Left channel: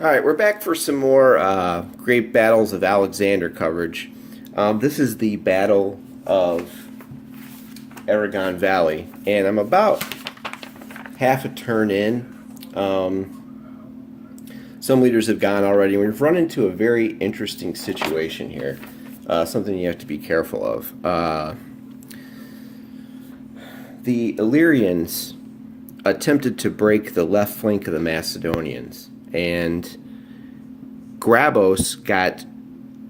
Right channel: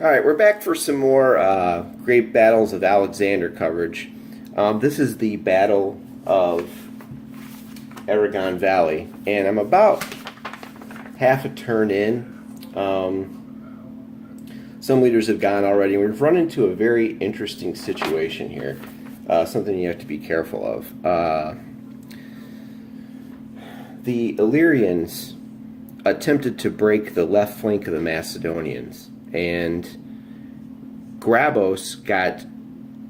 Alright, we're back for some more Great Battles of Alexander coverage. This is the Battle of Erigon Valley, and I'm about half a turn in. Some leaders have gone already. We've run into a very interesting situation here, something you have to be careful of. The Illyrians attempted to break the left flank of the Macedonians, and Grabos got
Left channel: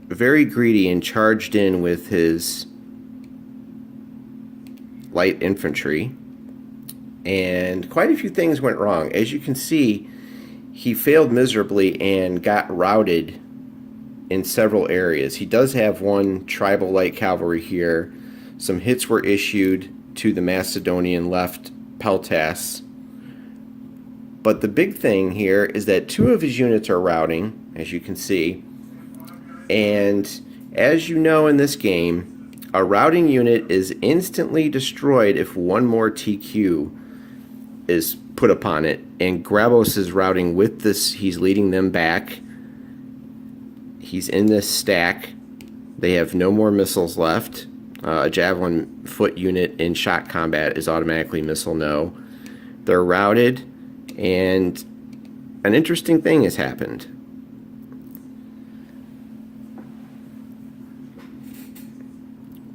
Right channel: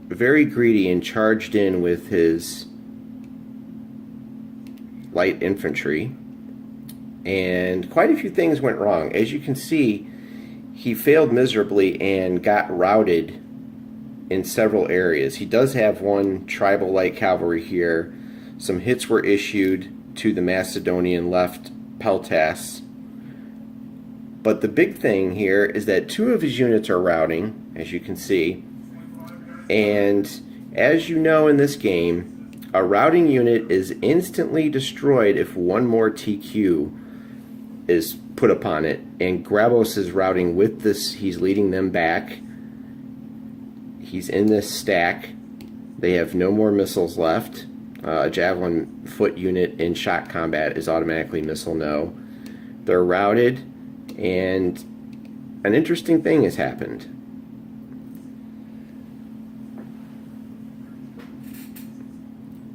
very greedy and charged in with his light infantry, and quite a few things went wrong. As you can see, he failed miserably and got routed in several areas. He does have one tribal light cavalry here. Some hits were issued to the Macedonian left peltasts. But the big thing here is that two of his units are routing, as you can see. And as you know in this game, a routing unit is instantly destroyed if one more TQ is put upon it. And Grabos is routing with this. He's leading them back. He's in this stack. They have no more missiles left. A javelin foot unit in shot combat is automatically missile no. They're routed. And an interesting thing has happened.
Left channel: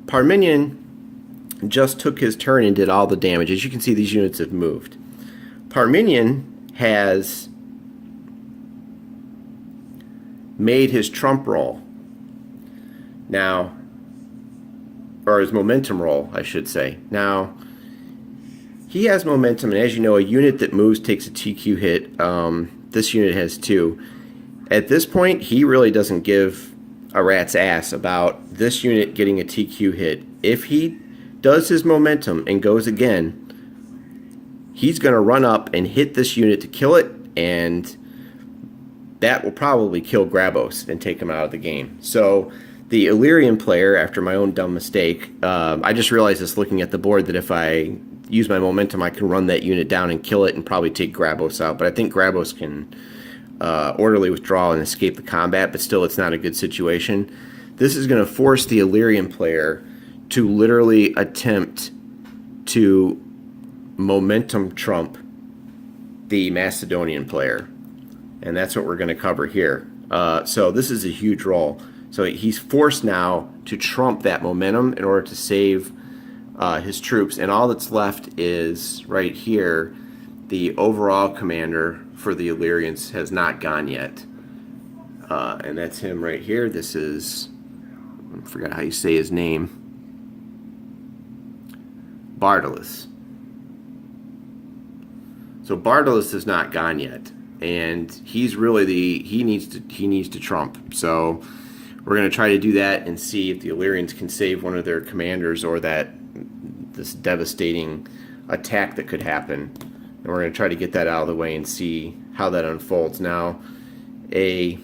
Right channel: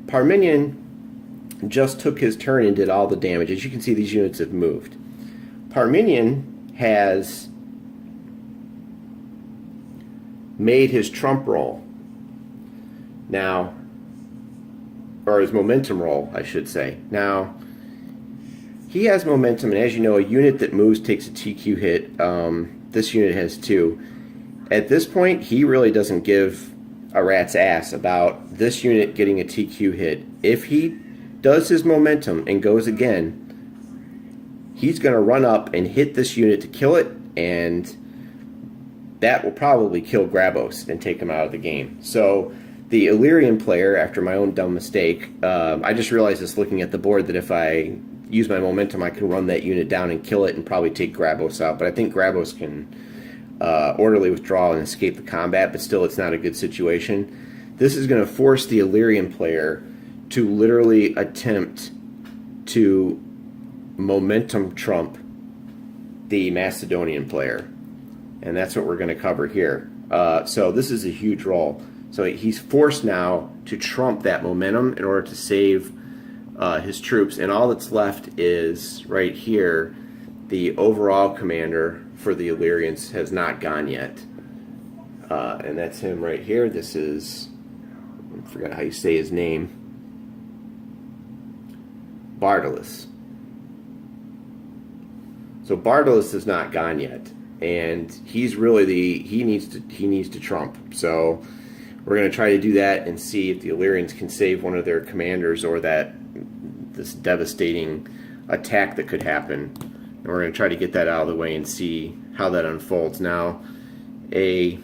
Parmenion just took his turn and did all the damage. As you can see, these units have moved. Parmenion has made his trump roll. Now, or his momentum roll, I should say. Now, he has momentum, and as you know, a unit that moves takes a TQ hit. This unit has two. At this point, he really doesn't give a rat's ass about this unit getting a TQ hit. If he does his momentum and goes again, he's going to run up and hit this unit to kill it, and that will probably kill Grabos and take him out of the game. So the Illyrian player, after my own dumb mistake, I just realized this looking at the board that if I use my momentum, I can run that unit down and kill it and probably take Grabos out. But I think Grabos can orderly withdraw and escape the combat, but still it's not a good situation. This is going to force the Illyrian player to literally attempt to momentum trump the Macedonian player. And that's what we're going to cover here. So this is a huge roll. So he's forced now to trump that momentum in order to save his troops, and all that's left is right here. The overall commander for the Illyrians has not gone yet, and that's him right here. This is, I forgot how you say his name, Bardus. So Bardus is not gone yet, and he's really he needs to trump. So we're going to try to do that and see if the Illyrians can save one of their commanders or this devastating attack that could happen. And we're going to try to get that out of the way and see how that unfolds. Now, the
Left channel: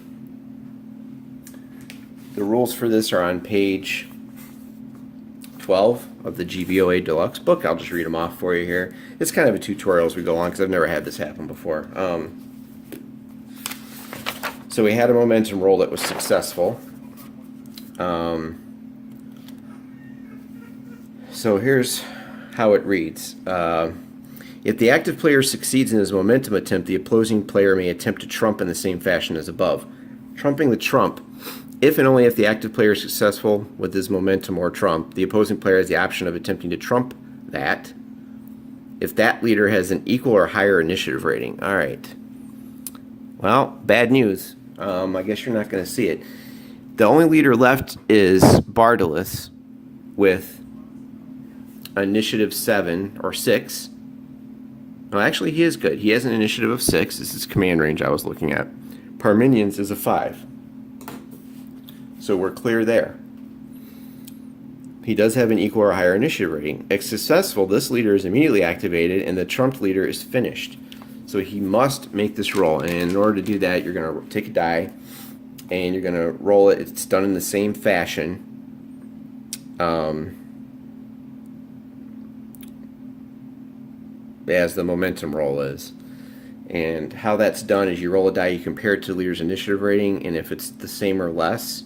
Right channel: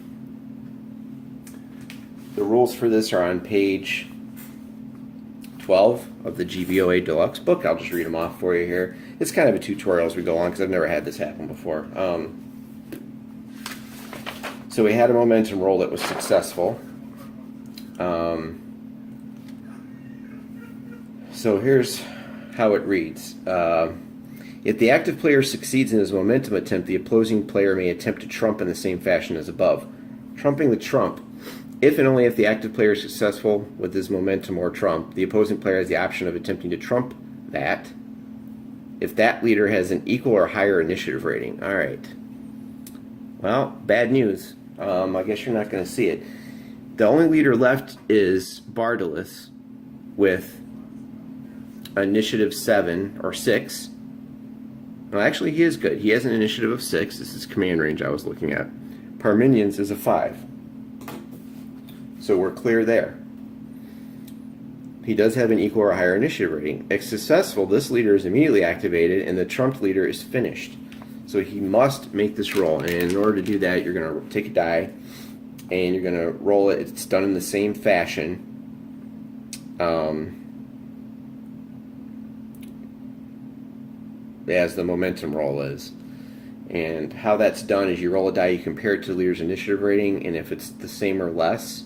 rules for this are on page 12 of the GBOA Deluxe book. I'll just read them off for you here. It's kind of a tutorial as we go along because I've never had this happen before. So we had a momentum roll that was successful. So here's how it reads. If the active player succeeds in his momentum attempt, the opposing player may attempt to trump in the same fashion as above. Trumping the trump. If and only if the active player is successful with his momentum or trump, the opposing player has the option of attempting to trump that if that leader has an equal or higher initiative rating. All right. Well, bad news. I guess you're not going to see it. The only leader left is Bardus with initiative 7 or 6. No, actually, he is good. He has an initiative of 6. This is command range I was looking at. Parmenions is a 5. So we're clear there. He does have an equal or higher initiative rating. If successful, this leader is immediately activated and the trumped leader is finished. So he must make this roll. And in order to do that, you're going to take a die and you're going to roll it. It's done in the same fashion. As the momentum roll is. And how that's done is you roll a die, you compare it to the leader's initiative rating, and if it's the same or less,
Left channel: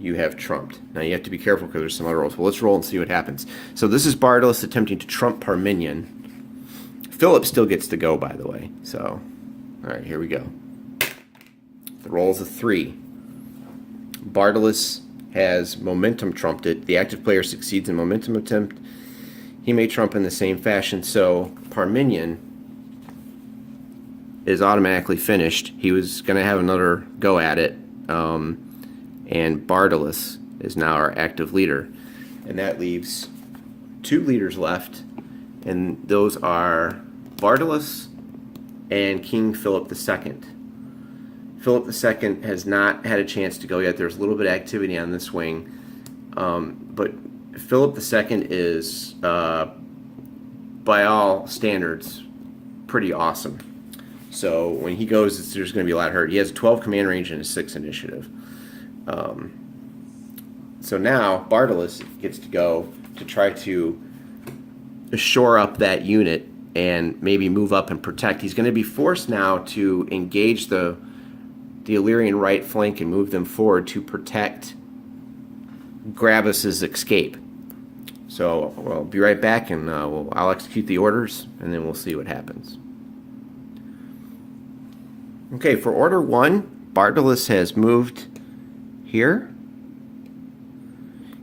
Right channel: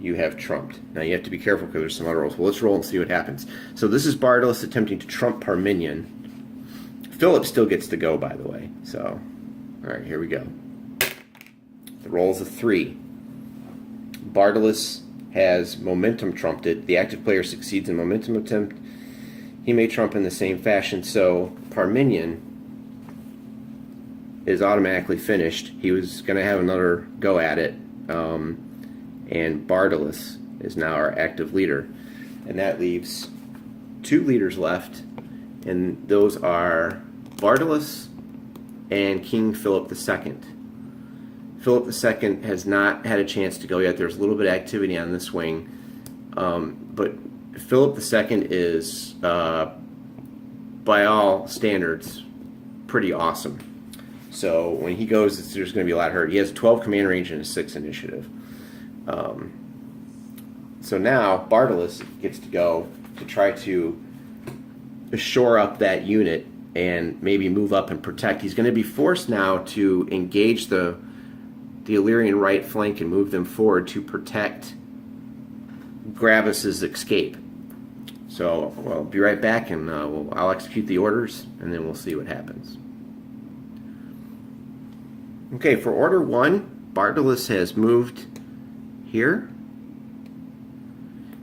you have trumped. Now you have to be careful because there's some other rolls. Well, let's roll and see what happens. So this is Bardus attempting to trump Parmenion. Philip still gets to go, by the way. So, all right, here we go. The roll is a 3. Bardus has momentum trumped it. The active player succeeds in momentum attempt. He may trump in the same fashion. So Parmenion is automatically finished. He was going to have another go at it. And Bardus is now our active leader. And that leaves 2 leaders left. And those are Bardus and King Philip II. Philip II has not had a chance to go yet. There's a little bit of activity on this wing. But Philip II is, by all standards, pretty awesome. So when he goes, there's going to be a lot hurt. He has 12 command range and a 6 initiative. So now Bardus gets to go to try to shore up that unit and maybe move up and protect. He's going to be forced now to engage the Illyrian right flank and move them forward to protect Grabus's escape. So we'll be right back, and I'll execute the orders, and then we'll see what happens. Okay, for Order 1, Bardus has moved here.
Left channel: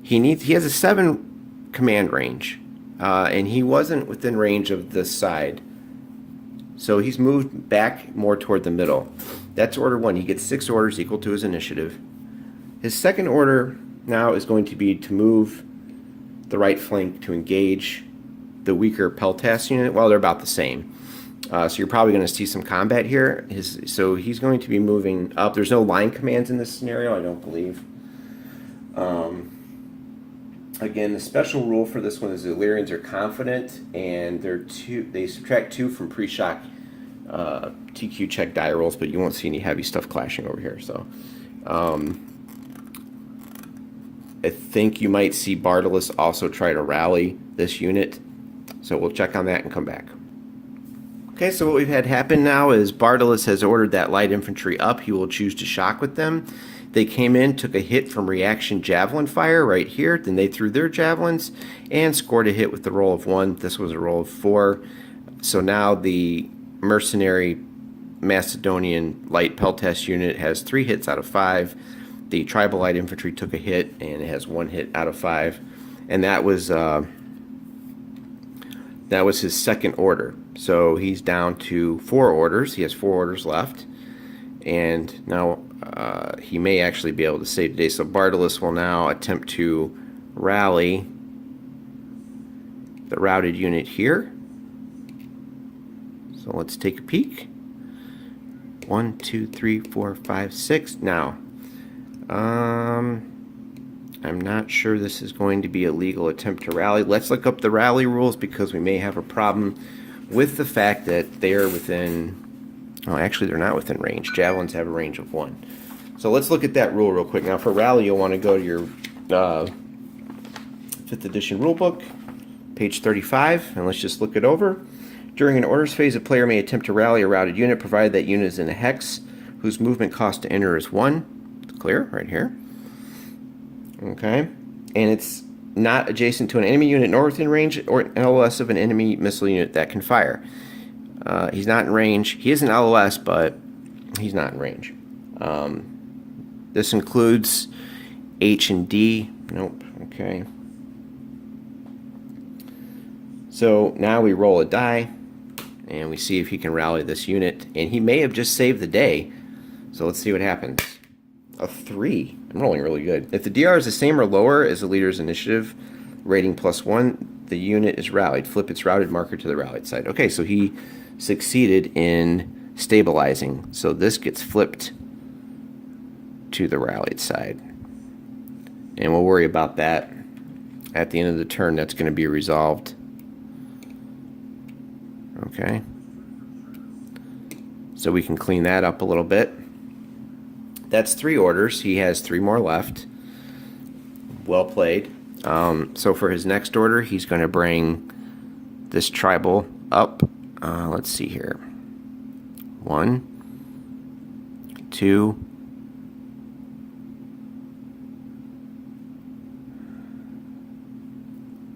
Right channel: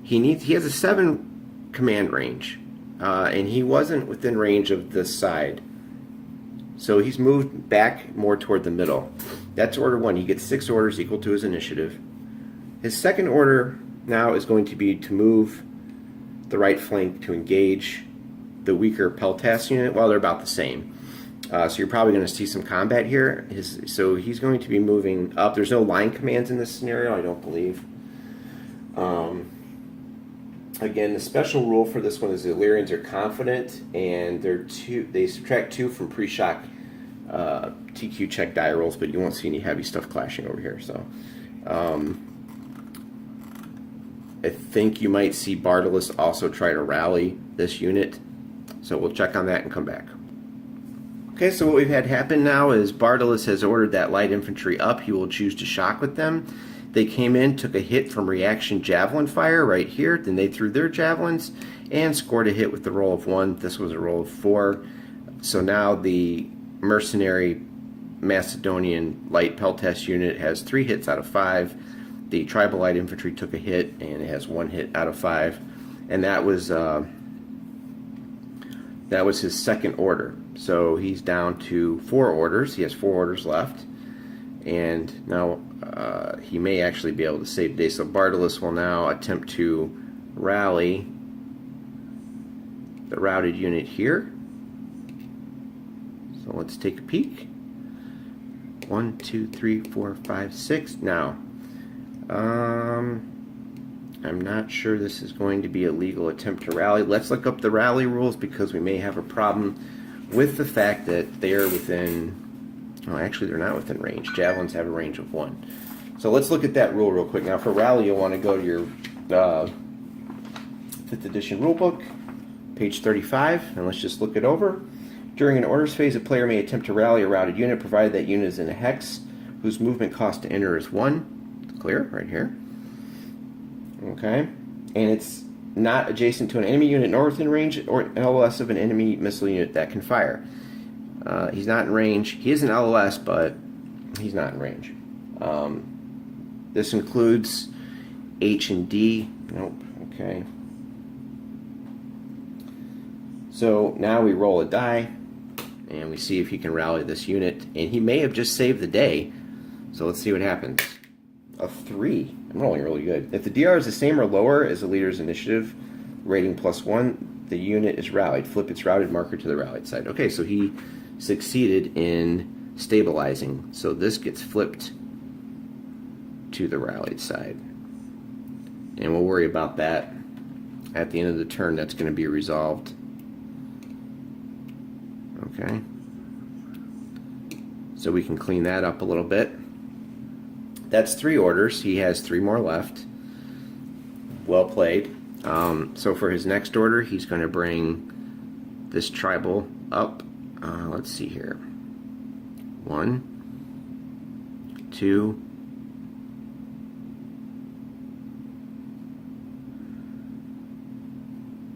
He has a 7 command range, and he wasn't within range of this side. So he's moved back more toward the middle. That's Order 1. He gets 6 orders equal to his initiative. His second order now is going to be to move the right flank to engage the weaker Peltas unit. Well, they're about the same. So you're probably going to see some combat here. So he's going to be moving up. There's no line commands in this scenario, I don't believe. Again, the special rule for this one is the Illyrians are confident, and they subtract 2 from pre-shock TQ check die rolls, but you won't see any heavy stuff clashing over here. So I think you might see Bardus also try to rally this unit. So we'll check on that and come back. Okay, so what we've had happen now is Bardus has ordered that light infantry up. He will choose to shock with them. They came in, took a hit from reaction javelin fire right here. Then they threw their javelins and scored a hit with the roll of 1. This was a roll of 4. So now the mercenary Macedonian light Peltas unit has 3 hits out of 5. The tribal light infantry took a hit, and it has 1 hit out of 5. And that was his second order. So he's down to 4 orders. He has 4 orders left. And now he may actually be able to save today. So Bardus will now attempt to rally the routed unit here. So let's take a peek. 1, 2, 3, 4, 5, 6. Now, I'm not sure this is going to be a legal attempt to rally. Let's look up the rally rules because we may have a problem with the fact that they're within... Oh, actually, they're not within range. Javelins have a range of 1. So let's look at that rule real quick. Now, for rally, you'll want to go to your 5th edition rulebook, page 35, and let's just look it over. During an orders phase, a player may attempt to rally a routed unit, provided that unit is in a hex whose movement cost to enter is 1. It's clear, right here. Okay. And it's not adjacent to an enemy unit nor within range or an LOS of an enemy missile unit that can fire. He's not in range. He is an LOS, but he's not in range. This includes H and D. Nope. Okay. So now we roll a die, and we see if he can rally this unit. And he may have just saved the day. So let's see what happens. A 3. I'm rolling really good. If the DR is the same or lower as the leader's initiative rating +1, the unit is rallied. Flip its routed marker to the rallied side. Okay, so he succeeded in stabilizing. So this gets flipped to the rallied side. And we'll worry about that at the end of the turn. That's going to be resolved. Okay. So we can clean that up a little bit. That's 3 orders. He has 3 more left. Well played. So for his next order, he's going to bring this tribal up. Let's see here. 1, 2,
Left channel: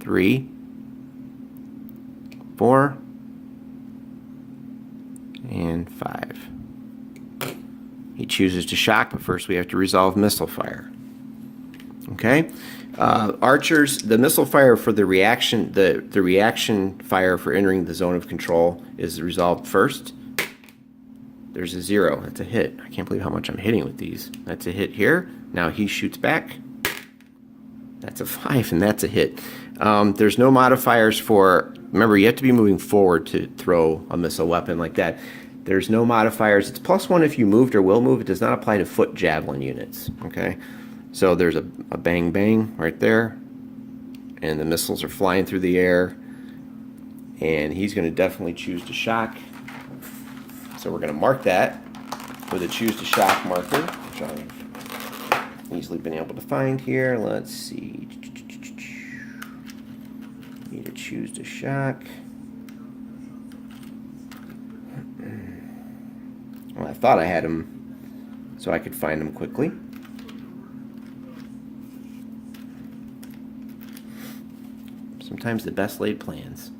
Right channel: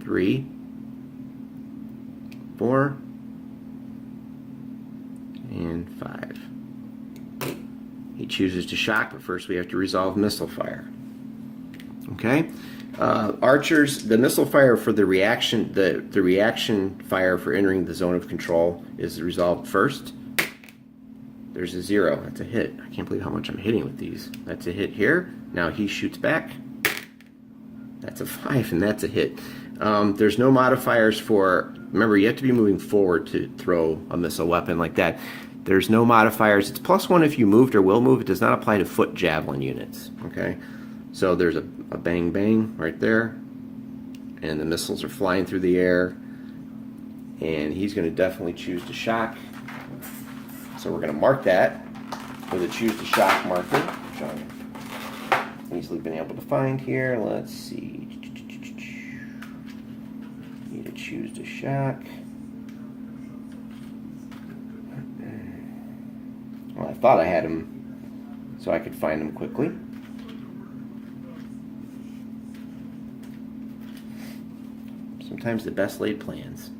3, 4, and 5. He chooses to shock, but first we have to resolve missile fire. Okay, archers, the missile fire for the reaction, the reaction fire for entering the zone of control is resolved first. There's a 0. That's a hit. I can't believe how much I'm hitting with these. That's a hit here. Now he shoots back. That's a 5, and that's a hit. There's no modifiers for, remember, you have to be moving forward to throw a missile weapon like that. There's no modifiers. It's +1 if you moved or will move. It does not apply to foot javelin units. Okay, so there's a bang bang right there, and the missiles are flying through the air, and he's going to definitely choose to shock. So we're going to mark that with a choose to shock marker, which I've easily been able to find here. Let's see. Need to choose to shock. Well, I thought I had him so I could find him quickly. Sometimes the best laid plans.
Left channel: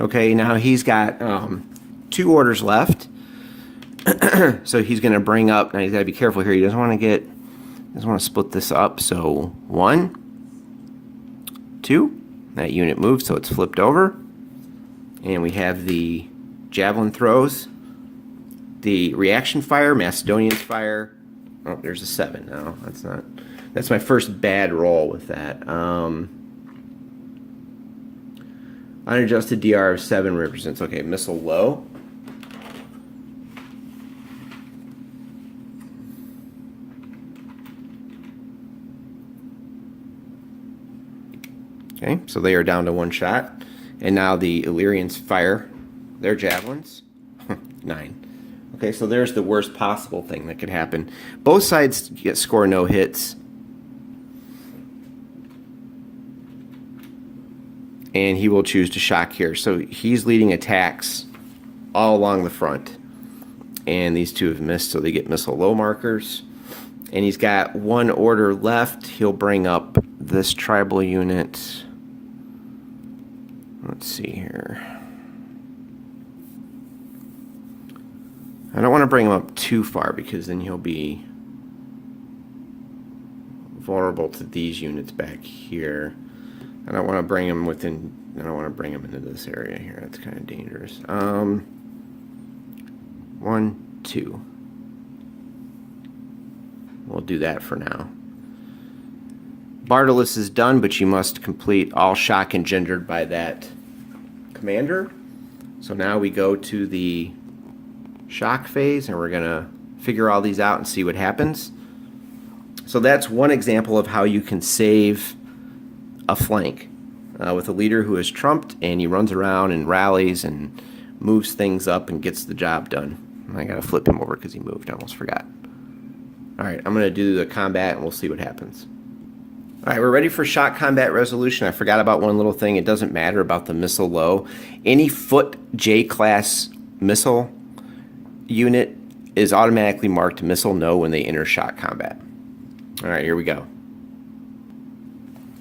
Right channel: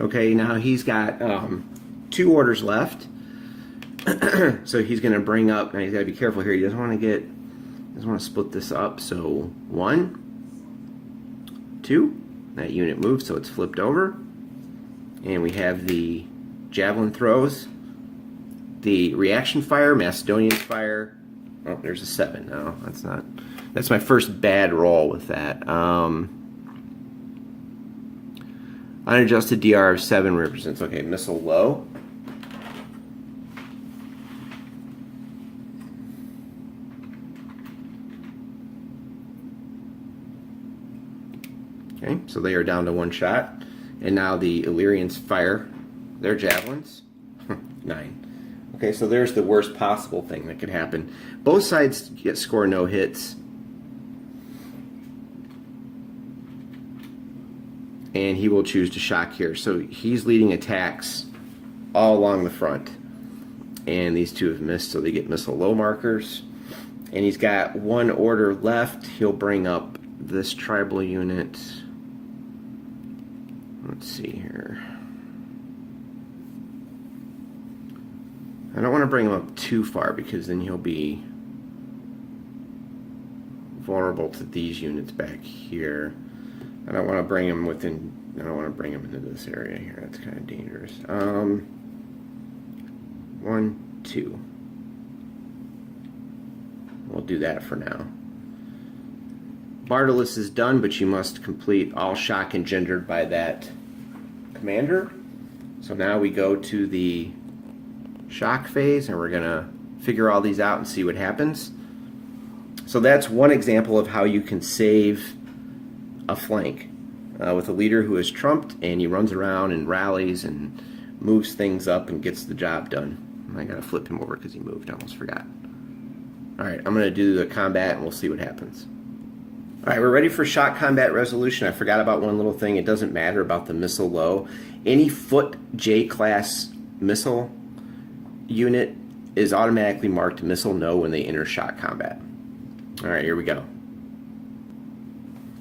Okay, now he's got 2 orders left. So he's going to bring up, and he's got to be careful here. He doesn't want to split this up. So 1, 2. That unit moved, so it's flipped over. And we have the javelin throws. The reaction fire, Macedonian fire. Oh, there's a 7. No, that's not. That's my first bad roll with that. Unadjusted DR of 7 represents, okay, missile low. Okay, so they are down to 1 shot. And now the Illyrians fire their javelins. 9. Okay, so there's the worst possible thing that could happen. Both sides score no hits. And he will choose to shock here. So he's leading attacks all along the front. And these 2 have missed, so they get missile low markers. And he's got 1 order left. He'll bring up this tribal unit. Let's see here. I don't want to bring him up too far because then he'll be vulnerable to these units back here. I don't want to bring him within. I don't want to bring him into this area here. That's kind of dangerous. 1, 2. We'll do that for now. Bardus is done, but you must complete all shock engendered by that commander. So now we go to the shock phase, and we're going to figure all these out and see what happens. So that's one example of how you can save a flank with a leader who is trumped, and he runs around and rallies and moves things up and gets the job done. I got to flip him over because he moved. I almost forgot. All right, I'm going to do the combat, and we'll see what happens. All right, we're ready for shock combat resolution. I forgot about one little thing. It doesn't matter about the missile low. Any foot J-class missile unit is automatically marked missile no when they enter shock combat. All right, here we go.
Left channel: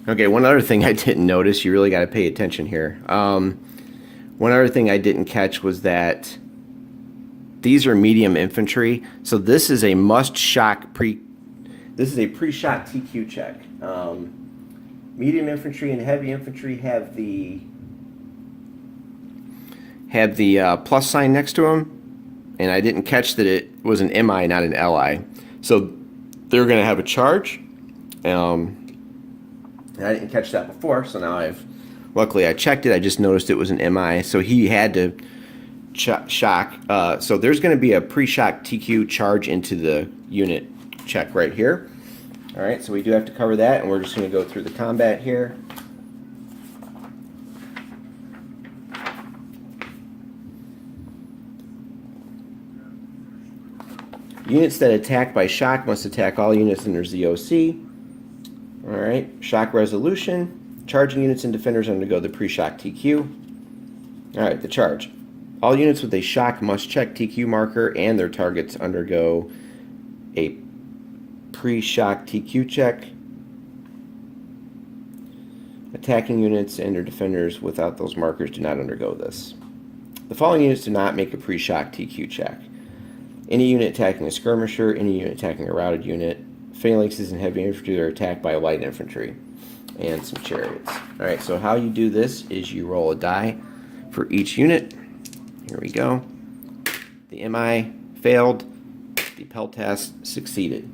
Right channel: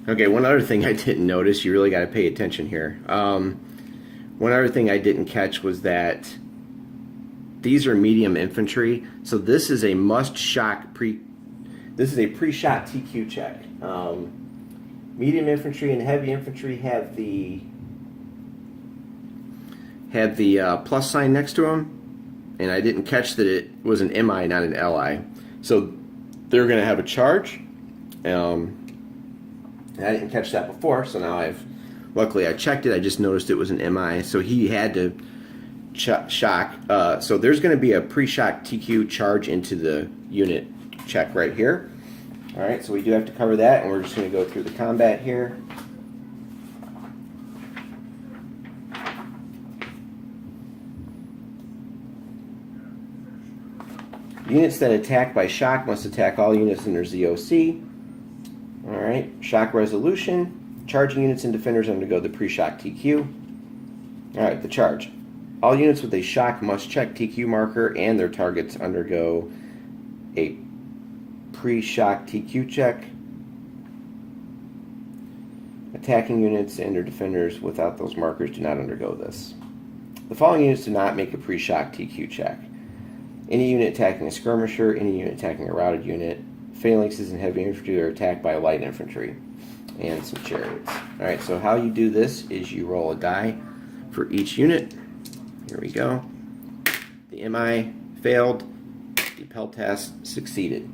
Okay, one other thing I didn't notice, you really got to pay attention here. One other thing I didn't catch was that these are medium infantry, so this is a pre-shot TQ check. Medium infantry and heavy infantry have the plus sign next to them, and I didn't catch that it was an MI, not an LI. So they're going to have a charge. I didn't catch that before, so now luckily I checked it. I just noticed it was an MI, so he had to shock. So there's going to be a pre-shock TQ charge into the unit check right here. All right, so we do have to cover that, and we're just going to go through the combat here. Units that attack by shock must attack all units in their ZOC. All right, shock resolution. Charging units and defenders undergo the pre-shock TQ. All right, the charge. All units with a shock must check TQ marker and their targets undergo a pre-shock TQ check. Attacking units and their defenders without those markers do not undergo this. The following units do not make a pre-shock TQ check. Any unit attacking a skirmisher, any unit attacking a routed unit, phalanxes and heavy infantry that are attacked by light infantry, and some chariots. Alright, so how you do this is you roll a die for each unit. Here we go. The MI failed, the Peltas succeeded.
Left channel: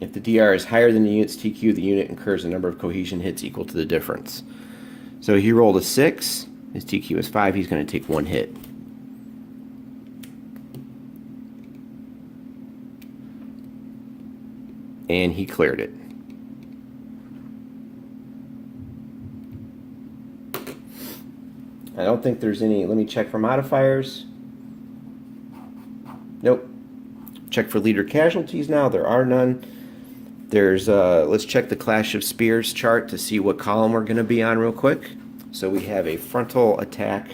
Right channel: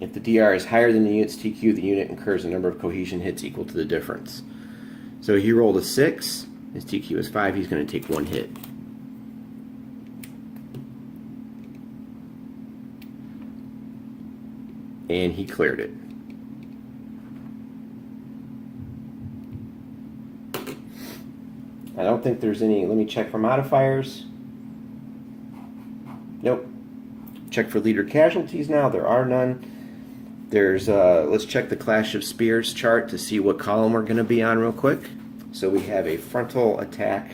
If the DR is higher than the unit's TQ, the unit incurs a number of cohesion hits equal to the difference. So he rolled a 6, his TQ is 5, he's going to take 1 hit. And he cleared it. I don't think there's any. Let me check for modifiers. Nope. Check for leader casualties now. There are none. There's let's check the Clash of Spears chart to see what column we're going to be on real quick. So we have a frontal attack.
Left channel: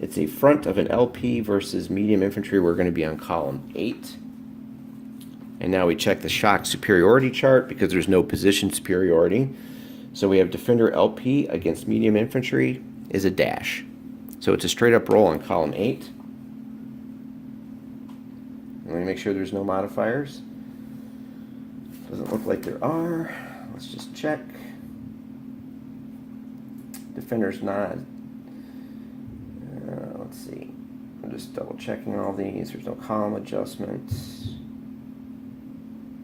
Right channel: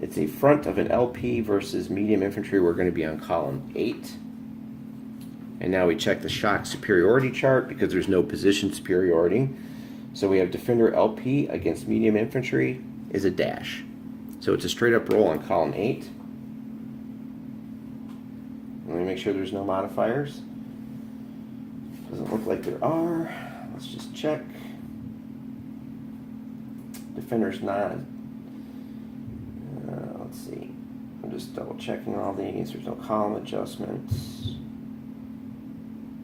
It's a front of an LP versus medium infantry. We're going to be on column 8. And now we check the shock superiority chart because there's no position superiority. So we have defender LP against medium infantry is a dash. So it's a straight up roll on column 8. Let me make sure there's no modifiers. Doesn't look like there are. Let's just check. Defender's not. Let's see. I'm just double checking all these. There's no column adjustments.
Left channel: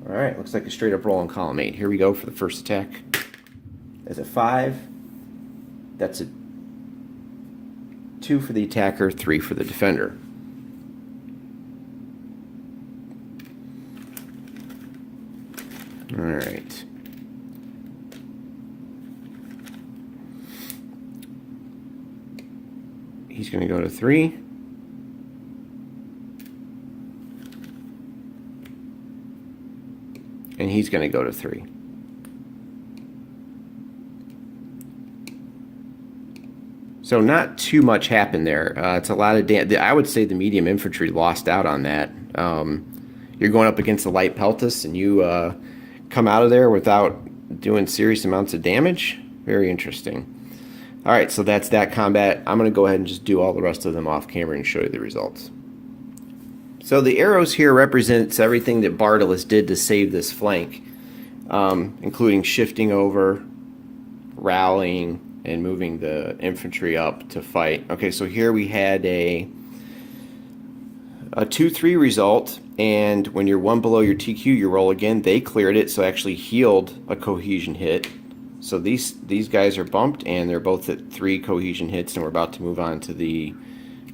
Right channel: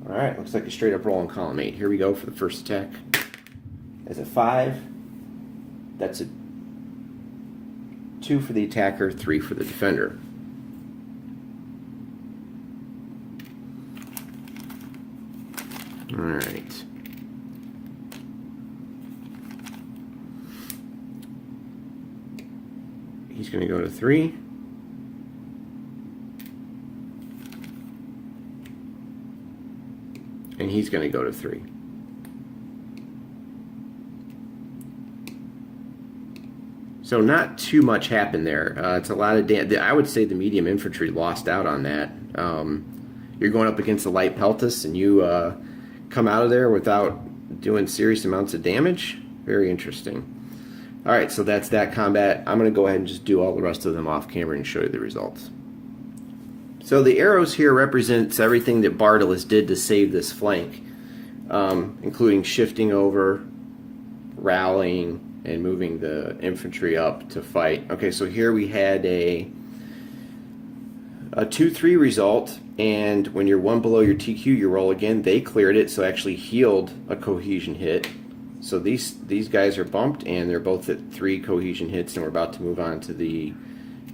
Alright, looks like a straight up roll on column 8. Here we go for the first attack. That's a 5. That's a 2 for the attacker, 3 for the defender. Alright. He's going to go to 3. And he's going to go to 3. So not too much happened there. It's a lot of I would say the medium infantry lost out on that. You're going up against the light Peltas, and you come out of there without doing serious amounts of damage. Very interesting. All right, so that's that combat. I'm going to go ahead and just do all the rest of them off camera and show you the results. So the arrows here represents everything that Bardus did to save this flank, including shifting over, rallying, and moving the infantry up to fight. Okay, so here we had a 2-3 result, and when you're 1 below your TQ, you roll again. They cleared it, so actually healed a cohesion hit. So these guys are bumped, and they're both at 3 cohesion hits, and we're about to move on to the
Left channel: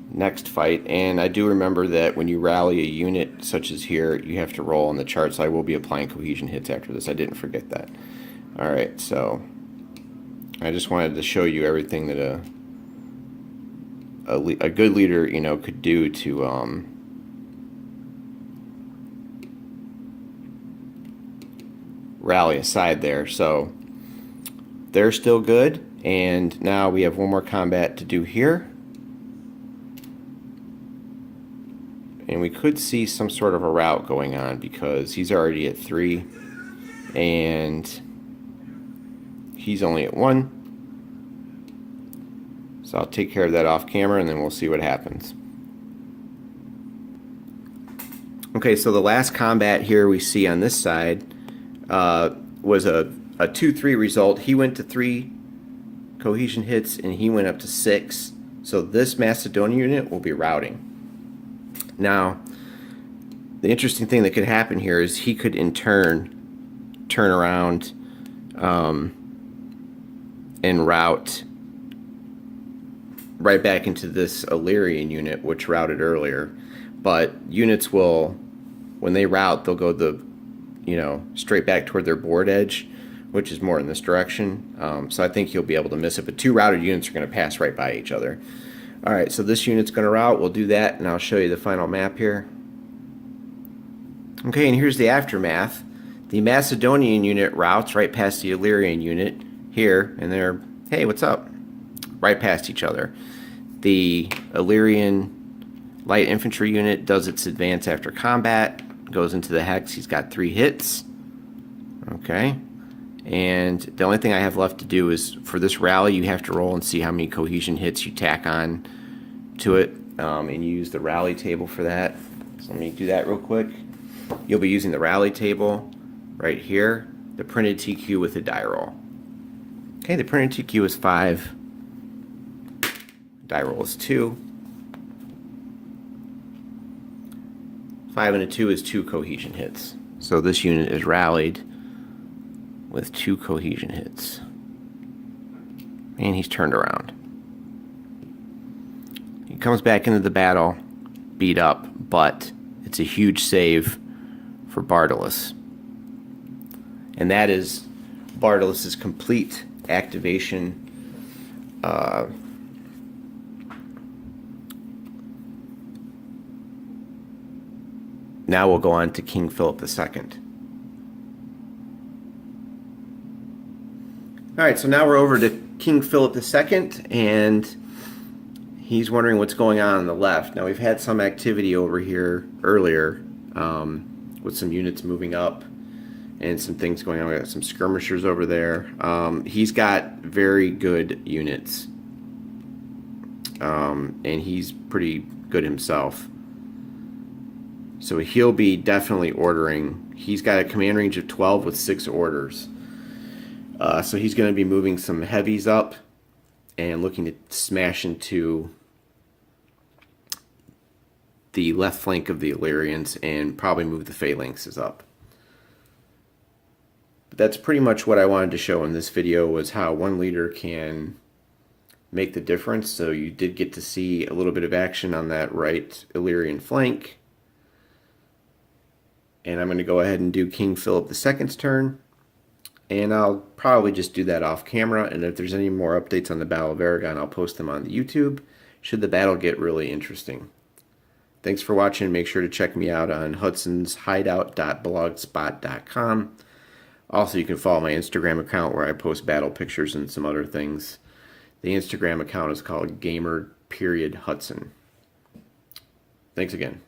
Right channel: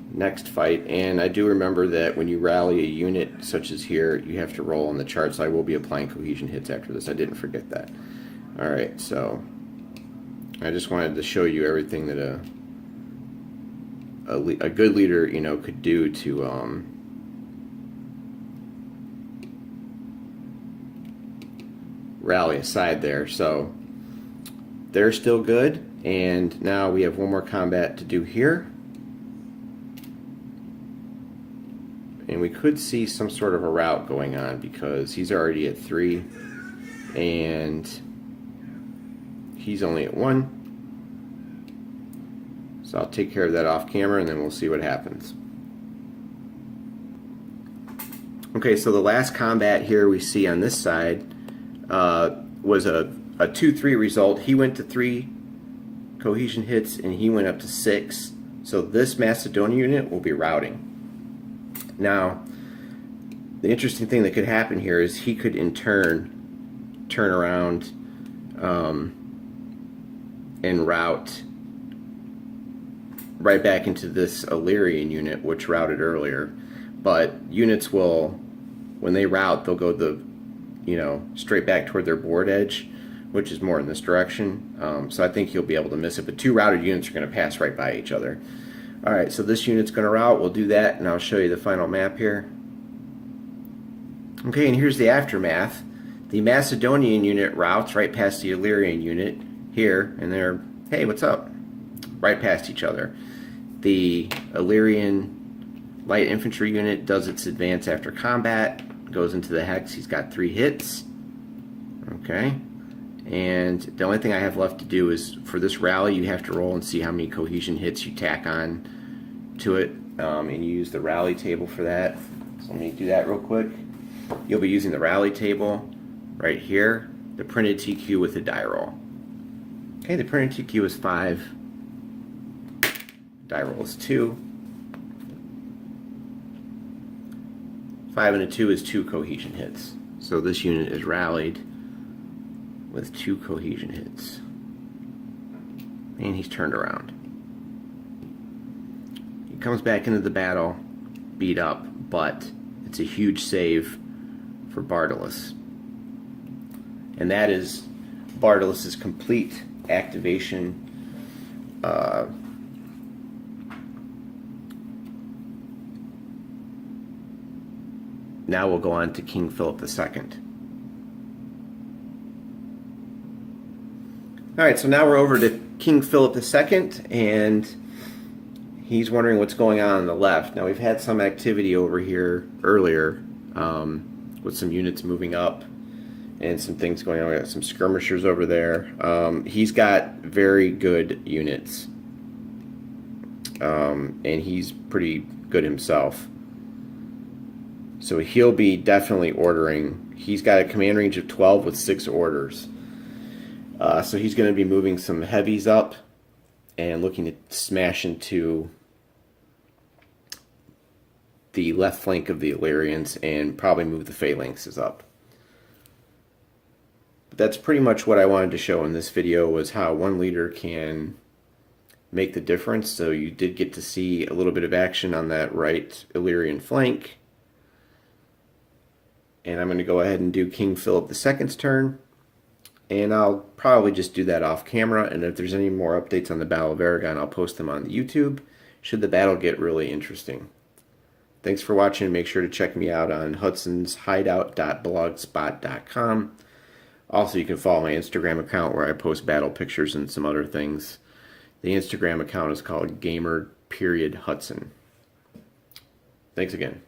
next fight. And I do remember that when you rally a unit such as here, you have to roll on the chart, so I will be applying cohesion hits after this. I didn't forget that. All right, so I just wanted to show you everything that a good leader, you know, could do to rally aside there. So they're still good, and now we have one more combat to do here, and we could see some sort of a rout going on because he's already at 3 and he's only at 1. So I'll take care of that off camera, and then we'll see what happens. Okay, so the last combat here we see on this side was a 2-3 result. He went to 3 cohesion hits, and he went up to 6. So this Macedonian unit will be routing. Now, the interesting thing that could happen here is he could in turn around and route right back into this Illyrian unit, which routed earlier. But units will, when they route, they'll go straight back toward their board edge, which is more in this direction. So I think you'll be able to miss it. But 2 routed units are going to pass right by each other. All right, so this unit's going to route. We'll do that, and I'll show you the final map here. Okay, and here's the aftermath. The Macedonian unit routes right past the Illyrian unit here, and they're, hey, what's up? right past each other. The Illyrian light infantry unit does its advance after combat, goes into the hex. He's got 3 hits. Okay. And the only thing I have left to do is, for this rally, you have to roll and see how many cohesion hits you tack on to it. And you use the rally table for that. So let me do that real quick. You'll be using the rally table right here, the printed TQ with the die roll. Okay, the printed TQ is 5. Die roll is 2. 5 and a 2 is 2 cohesion hits. So this unit is rallied with 2 cohesion hits. And he's turned around. He comes back into the battle, beat up, but it's a huge save for Bardus. And that is Bardus' complete activation. Now we'll go on to King Philip II. Alright, so now we're over to King Philip II, and he's wondering what's going on the left. Now, we've had some activity over here earlier with some units moving up and some things going on. We got some skirmishers over there. He's got very good units, and he's pretty good himself. So he'll be definitely ordering. He's got a command range of 12 with 6 orders. So he's going to be moving some heavies up and looking to smash into the left flank of the Illyrians and probably move the phalanxes up. But that's pretty much what I wanted to show in this video, was how one leader can make the difference. So you did get to see a little bit of action on that right Illyrian flank. And I'm going to go ahead and do King Philip II's turn. And I'll probably just do that off camera. And if there's any more updates on the Battle of Erigon, I'll post them on the YouTube, should the battle get really interesting. Thanks for watching. Make sure to check me out on hudsonshideout.blogspot.com. Also, you can follow my Instagram account where I post battle pictures and some other things. The Instagram account is called Gamer_Hudson. Thanks again.